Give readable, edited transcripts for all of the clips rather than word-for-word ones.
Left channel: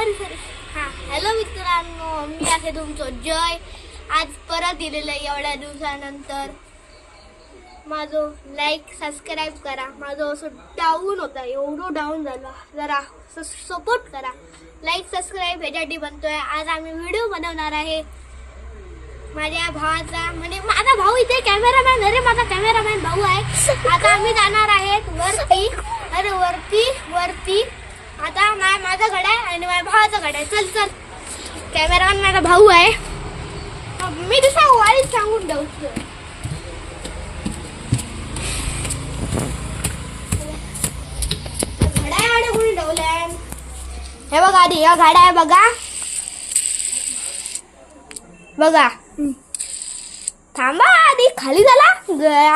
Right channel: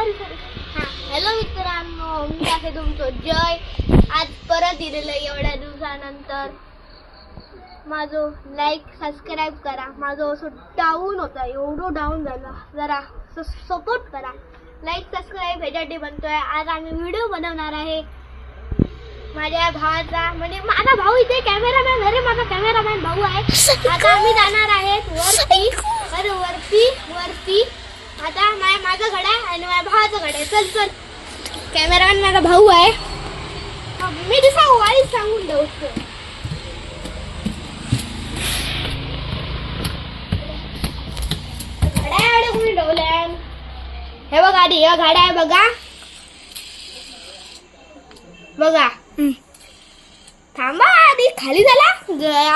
Sorry हां hello मित्रांनो, मी आहे तुमचं जय. आज परत दिलेलं एवढ्या दिवसानंतर. माझं लाईक सबस्क्राईब करा. माझं असं डाऊन होता, एवढं डाऊन झालं, जरा सपोर्ट करा. लाईक सबस्क्राईब ह्याच्यासाठी बनतोय. आज आम्ही व्हिडिओ बनवणार आहे माझ्या भावाचा, म्हणजे माझा भाऊ इथे कॅमेरामॅन. अरे माझा कॅमेरामॅन भाऊ आहे. आता आम्ही जाणार आहेत वरती. अरे वरती आता माझा घडा आहे आणि माझ्या भावाचा घडा आहे. चल कॅमेरामॅन माझा भाऊ आहे. मी दुसरा वाईट सांगून ठेवतो. घड्या कोणी ठेवलंय हे बघा. आधी या गाड्या आहे बघा. थांबा, आधी खाली झाला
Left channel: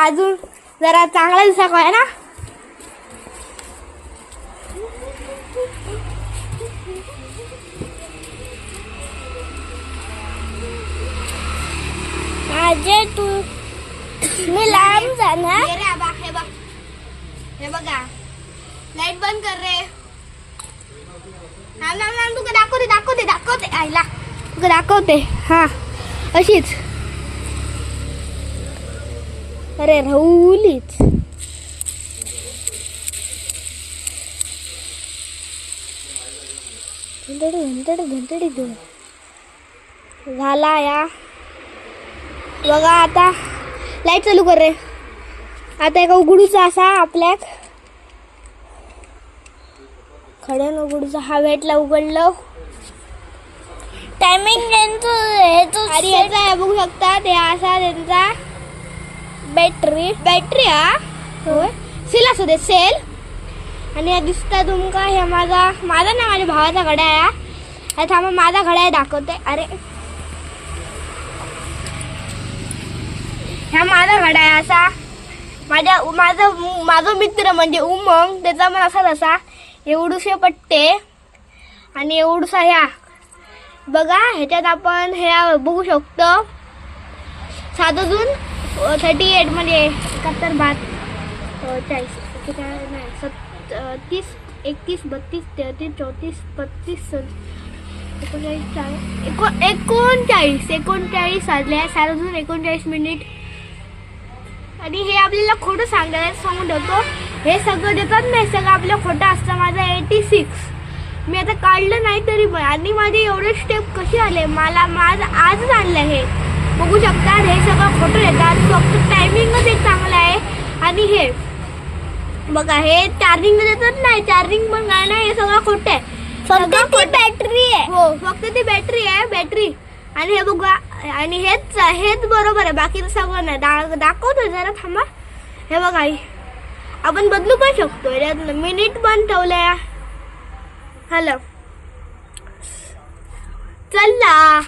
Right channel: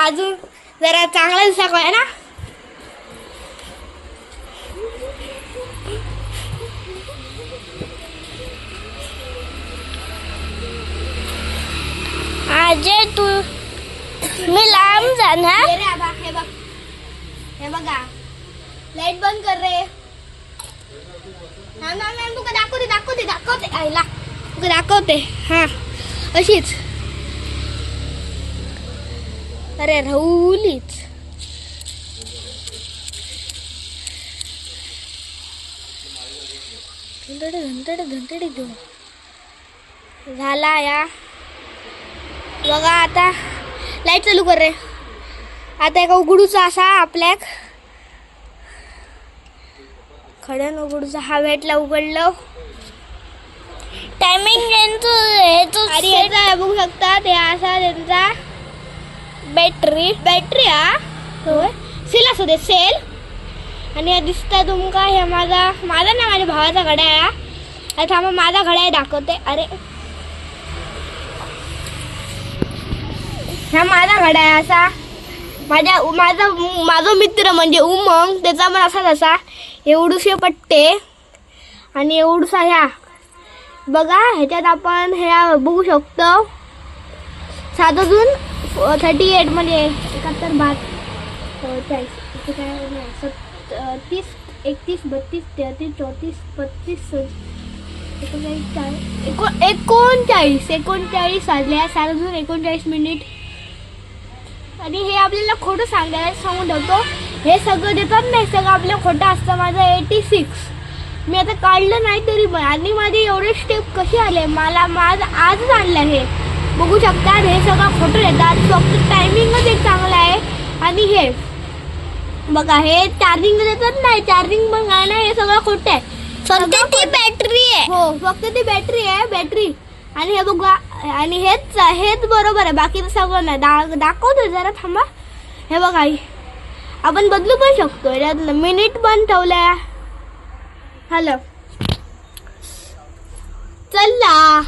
अजून जरा चांगला दिसा काय ना. आजे तू मी लांब जाणार. हे बघा लाईट बंद कर रे. तुका दाखवते आईला तुका दाखवते. हा अशीच. अरे राहुलीच धंतडी घेऊन झाला या. बघा आता लाईट चालू कर रे. आता एका उघडूचा असा आपल्याक खड्यान उघडूचा हा भेटला. उघडलं. टायमिंग आणि याचा बघू शकता ते असा त्यांचा बॅटरी हा सेल असू दे सेल. आणि हे दिसतंय तुमका हे माझा ना माझ्या भावाचा घड्या आहे. आता थांबा माझा घड्या दाखवते. अरे हा माझा घडा आहे असा. माझा मित्र म्हणजे उमंग, त्याचा पण असा एवढूशे पट्टे आणि एवढूसा ह्या बघा. ह्याच्यात आपण ह्या बघू शकतो 7 जून 38 म्हणजे 71 42 30 31 32 33 34 35 39 वाजले. 7 जून 39 मिनिट. आणि हे आपल्याला खोटं सांगून ठेवतो. हे सगळं देतात नाही, सगळं आपलं खोटं असतं. माझं 86 मी आता काढलं नाही तरी पण. आणि माझे एवढे स्टेप कसे आले माझं आजच आणलं. हे बघू शकता हे सगळं खोटं देतात. फक्त टायमिंगच एक चांगलं आहे. आणि हे बघा हे चार्जिंग देतात नाही, चार्जिंग पण काय नाही, हे सगळं खोटं आहे. फक्त ती बॅटरी आहे. हो फक्त ती बॅटरी आहे बॅटरी. आणि हे बघा आणि हेच बरोबर आहे, बाकीचं सगळं नाही. दाखवतो जरा थांबा. हे बघा आपण बदलू पण शकतो. यात मिनिट पण ठेवल्या. हॅलो चला.